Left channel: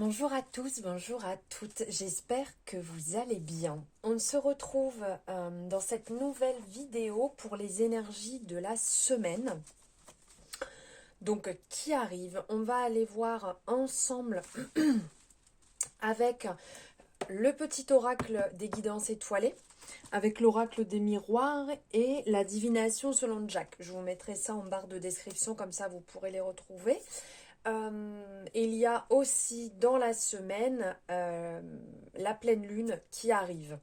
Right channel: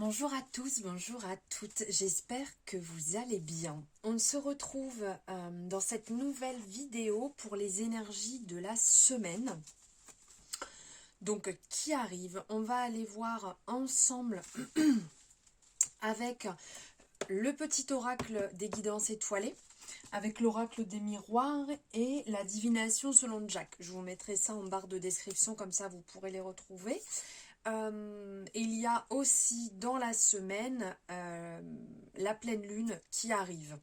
Bonjour à tous, bonjour à toutes, j'espère que vous allez bien. On se retrouve dans cette nouvelle vidéo pour les énergies de la semaine. Donc qui arrive, on va aller voir ensemble avec le petit oracle des guidances étoilées, avec l'oracle des miroirs et la divination selon Jack. Je vous mettrai ça en barre de description, comme ça vous pourrez les retrouver. Il y a aussi dans la semaine la pleine lune qui arrive.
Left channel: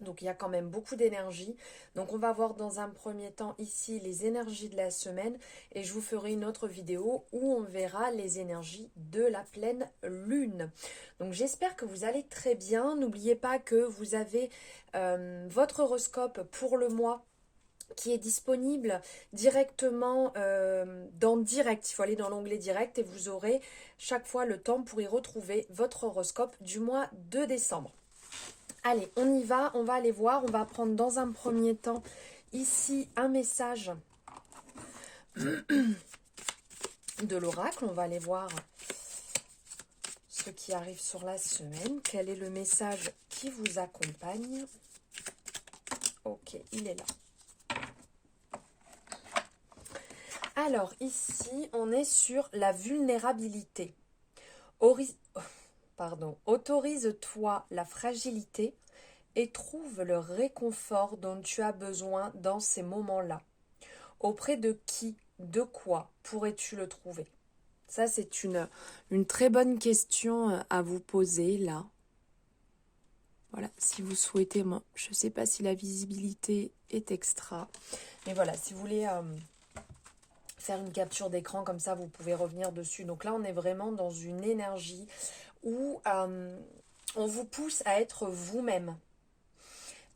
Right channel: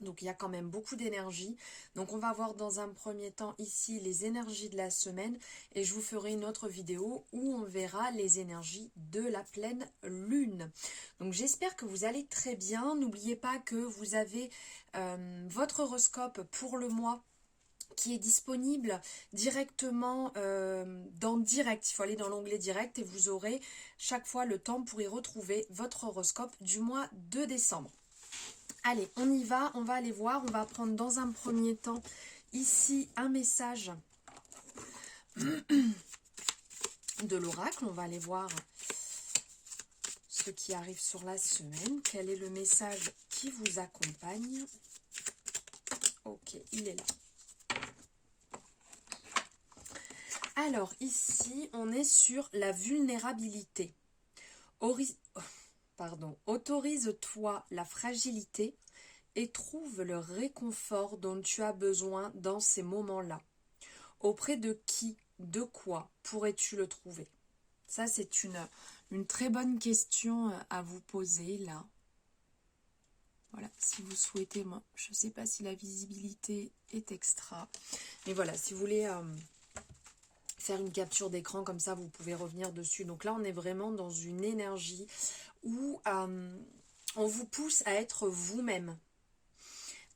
Donc il y a quand même beaucoup d'énergie. Donc on va voir dans un premier temps ici les énergies de la semaine et je vous ferai une autre vidéo où on verra les énergies de la pleine lune. Donc j'espère que vous allez très bien. N'oubliez pas que vous avez votre horoscope pour le mois qui est disponible directement dans Direct. Il faut aller dans l'onglet Direct et vous aurez chaque fois le temps pour y retrouver votre horoscope du mois de décembre. Allez, on y va, on va aller voir. On va prendre dans un premier temps ici un message de l'oracle. On va aller voir ce qui arrive sur la semaine. Quel est le message qui vous accompagne? Ok, il est là. Alors ici, on est sur la vulnérabilité. Autorise-toi la fragilité et trouve le réconfort dont tu as besoin dans ces moments-là. Auprès de qui, de quoi pourrais-tu le trouver? Ça, c'est une très bonne question à vous poser là. Voilà, si vous souhaitez, moi, je ne sais pas si la visibilité est extra. Mais voilà, si vous voulez faire une capture d'écran comme ça, vous pouvez revenir dessus. Donc là, on est vraiment dans une énergie où on vous pousse à être vous-même,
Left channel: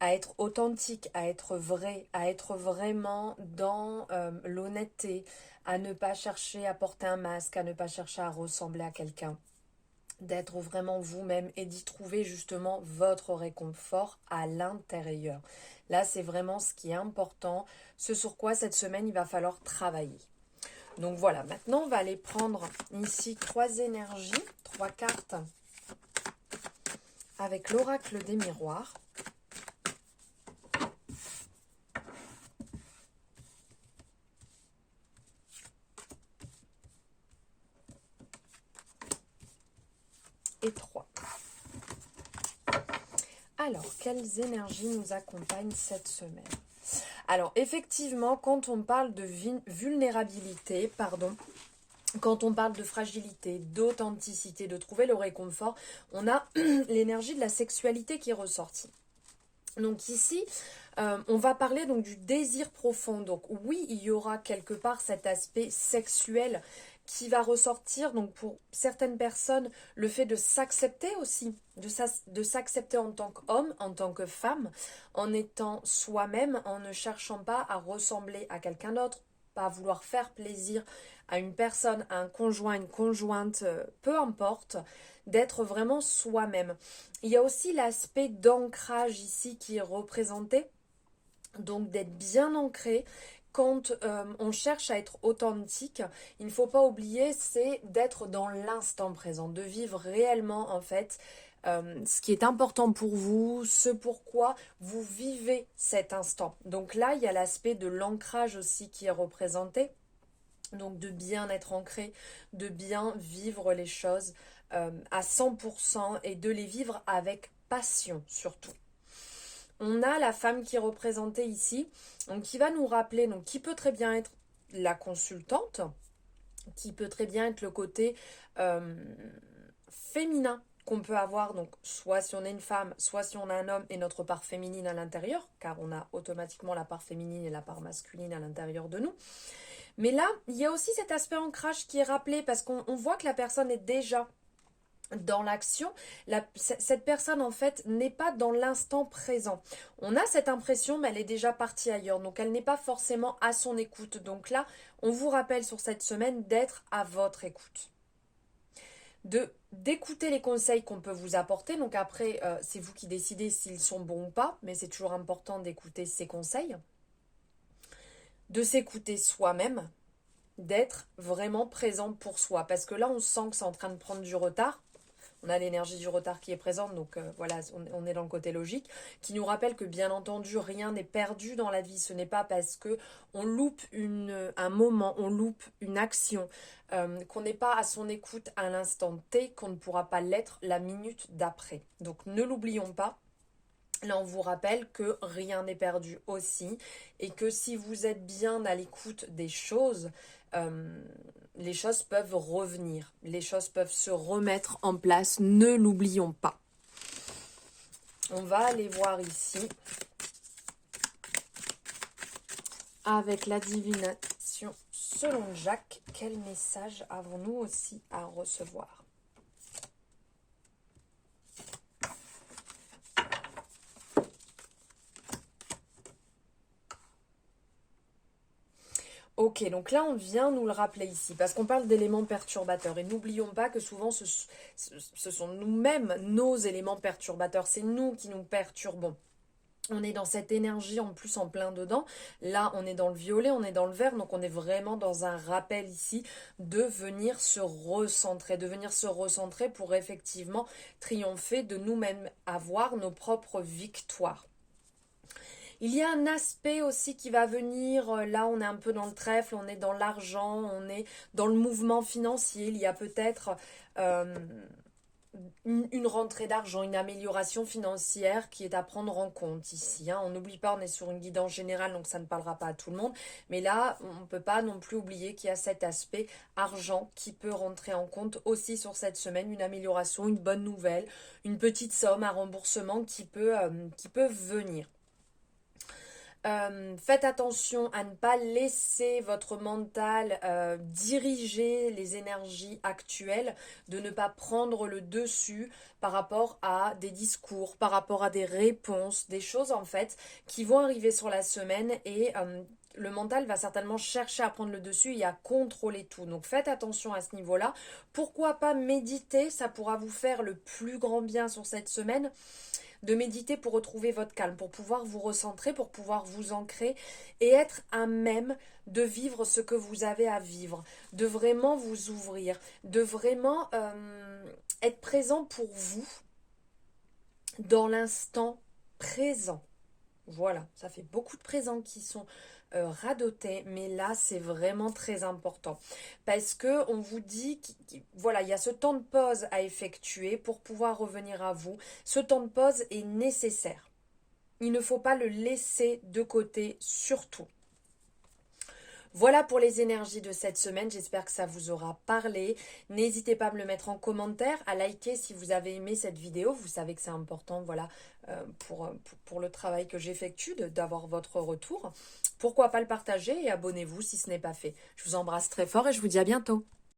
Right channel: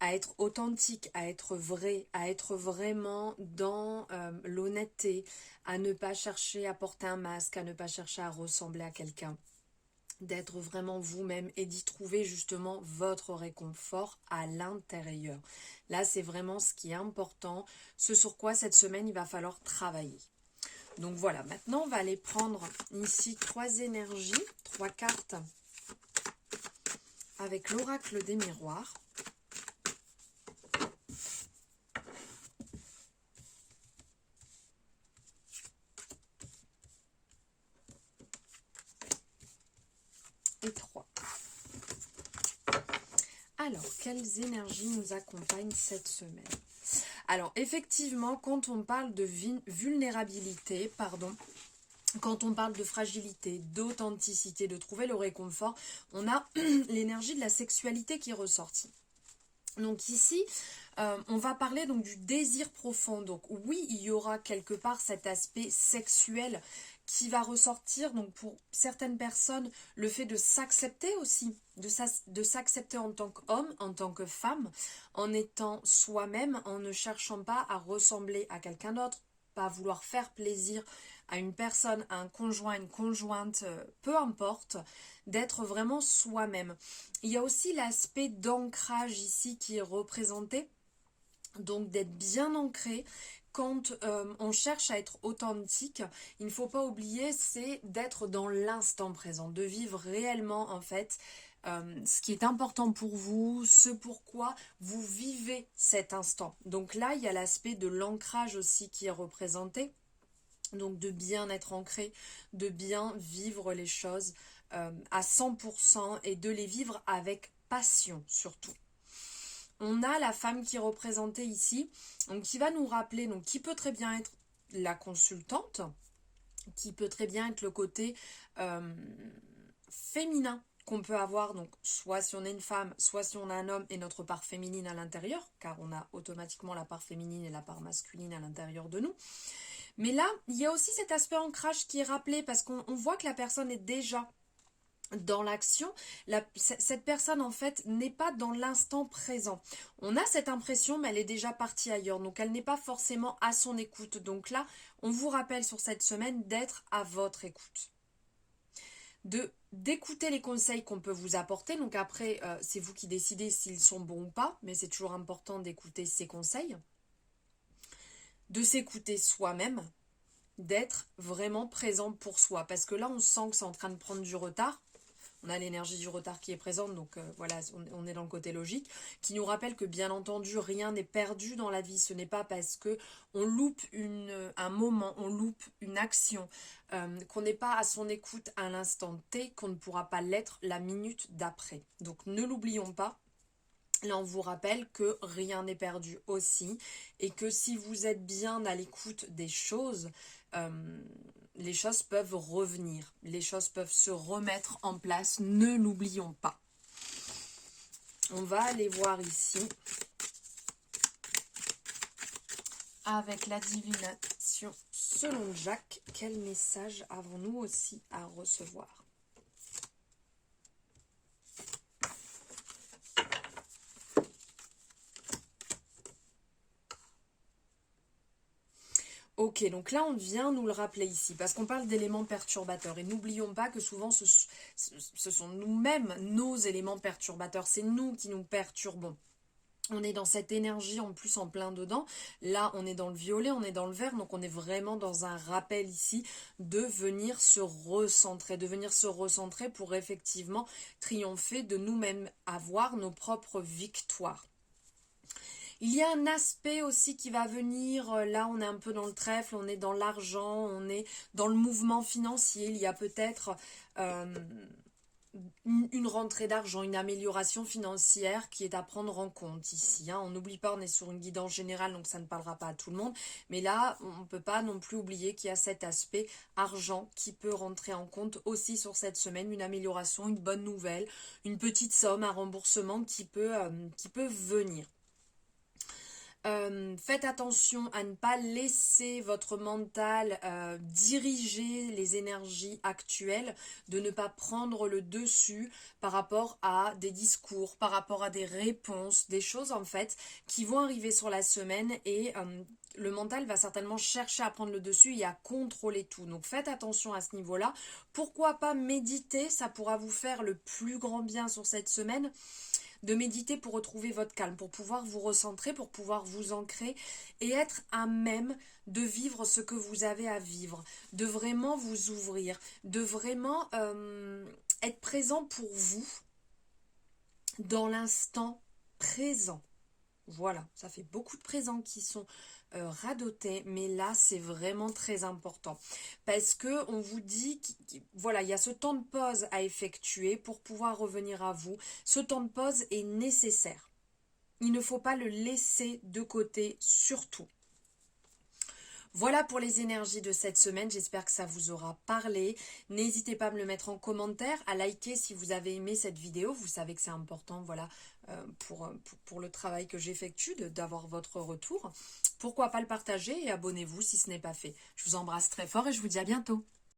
à être authentique, à être vrai, à être vraiment dans l'honnêteté, à ne pas chercher à porter un masque, à ne pas chercher à ressembler à quelqu'un, d'être vraiment vous-même et d'y trouver justement votre réconfort à l'intérieur. Là, c'est vraiment ce qui est important, ce sur quoi cette semaine, il va falloir travailler. Donc voilà, maintenant on va aller prendre ici 3 énergies, 3 cartes avec l'oracle des miroirs. Et 3. Alors, quelles énergies nous accompagnent cette semaine? Alors, effectivement, quand on parle de vulnérabilité, quand on parle de fragilité, d'authenticité, de trouver le réconfort, on a l'énergie de la sexualité qui est ressortie. Donc ici, on va parler donc du désir profond. Donc oui, il y aura quelque part cet aspect sexuel qui va ressortir. Donc pour certaines personnes, le fait de s'accepter aussi, de s'accepter en tant qu'homme, en tant que femme, en étant soi-même, en ne cherchant pas à ressembler à quelqu'un d'autre, pas à vouloir faire plaisir à une personne, à un conjoint, une conjointe, peu importe, d'être vraiment soi-même. Il y a aussi l'aspect d'ancrage ici qui est représenté, donc d'être bien ancré. Quand on cherche à être authentique, il ne faut pas oublier, c'est d'être dans l'instant présent, de vivre réellement en fait ce qui est important pour vous, ce pourquoi vous vivez cet instant. Donc là, il y a l'aspect de l'ancrage aussi qui est représenté. Donc de bien être ancré, de bien vivre les choses à 100% et de les vivre avec passion surtout. On a la femme qui est représentée ici, donc qui va nous rappeler, donc qui peut très bien être la consultante, qui peut très bien être le côté féminin qu'on peut avoir, donc soit si on est une femme, soit si on a un homme et notre part féminine à l'intérieur, car on a automatiquement la part féminine et la part masculine à l'intérieur de nous. Mais là, il y a aussi cet aspect ancrage qui est rappelé parce qu'on voit que la personne est déjà dans l'action. Cette personne, en fait, n'est pas dans l'instant présent. On a cette impression, mais elle est déjà partie ailleurs. Donc, elle n'est pas forcément à son écoute. Donc là, on vous rappelle sur cette semaine d'être à votre écoute. D'écouter les conseils qu'on peut vous apporter. Donc après, c'est vous qui décidez s'ils sont bons ou pas. Mais c'est toujours important d'écouter ces conseils. De s'écouter soi-même, d'être vraiment présent pour soi. Parce que là, on sent que c'est en train de prendre du retard. On a l'énergie du retard qui est présente, donc voilà, on est dans le côté logique, qui nous rappelle que bien entendu, rien n'est perdu dans la vie. Ce n'est pas parce que on loupe un moment, on loupe une action, qu'on n'est pas à son écoute à l'instant T, qu'on ne pourra pas l'être la minute d'après. Donc ne l'oublions pas. Là, on vous rappelle que rien n'est perdu aussi et que si vous êtes bien à l'écoute des choses, les choses peuvent revenir, les choses peuvent se remettre en place, ne l'oublions pas. On va aller voir ici, avec la divination selon Jacques, quel message avons-nous aussi à recevoir ? Ok, donc là on vient nous le rappeler ici, parce qu'on parle d'éléments perturbateurs. Et n'oublions pas que souvent ce sont nous-mêmes nos éléments perturbateurs. C'est nous qui nous perturbons. On est dans cette énergie en plus en plein dedans. Là on est dans le violet, on est dans le vert, donc on est vraiment dans un rappel ici de venir se recentrer pour effectivement triompher de nous-mêmes, avoir nos propres victoires. Il y a un aspect aussi qui va venir, là on est un peu dans le trèfle, on est dans l'argent, on est dans le mouvement financier, il y a peut-être une rentrée d'argent, une amélioration financière qui est à prendre en compte ici. On n'oublie pas, on est sur une guidance générale, donc ça ne parlera pas à tout le monde, mais là on ne peut pas non plus oublier qu'il y a cet aspect argent qui peut rentrer en compte aussi sur cette semaine, une amélioration, une bonne nouvelle, une petite somme, un remboursement qui peut venir. Faites attention à ne pas laisser votre mental diriger les énergies actuelles, de ne pas prendre le dessus par rapport à des discours, par rapport à des réponses, des choses en fait qui vont arriver sur la semaine et le mental va certainement chercher à prendre le dessus et à contrôler tout. Donc faites attention à ce niveau-là. Pourquoi pas méditer? Ça pourra vous faire le plus grand bien sur cette semaine. De méditer pour retrouver votre calme, pour pouvoir vous recentrer, pour pouvoir vous ancrer et être à même de vivre ce que vous avez à vivre, de vraiment vous ouvrir, de vraiment être présent pour vous dans l'instant présent. Voilà, ça fait beaucoup de présents qui sont radotés, mais là c'est vraiment très important parce que on vous dit voilà, il y a ce temps de pause à effectuer pour pouvoir revenir à vous. Ce temps de pause est nécessaire. Il ne faut pas le laisser de côté, surtout. Voilà pour les énergies de cette semaine, j'espère que ça vous aura parlé. N'hésitez pas à me le mettre en commentaire, à liker si vous avez aimé cette vidéo. Vous savez que c'est important, voilà, pour le travail que j'effectue, d'avoir votre retour. Pourquoi pas le partager et abonnez-vous si ce n'est pas fait. Je vous embrasse très fort et je vous dis à bientôt.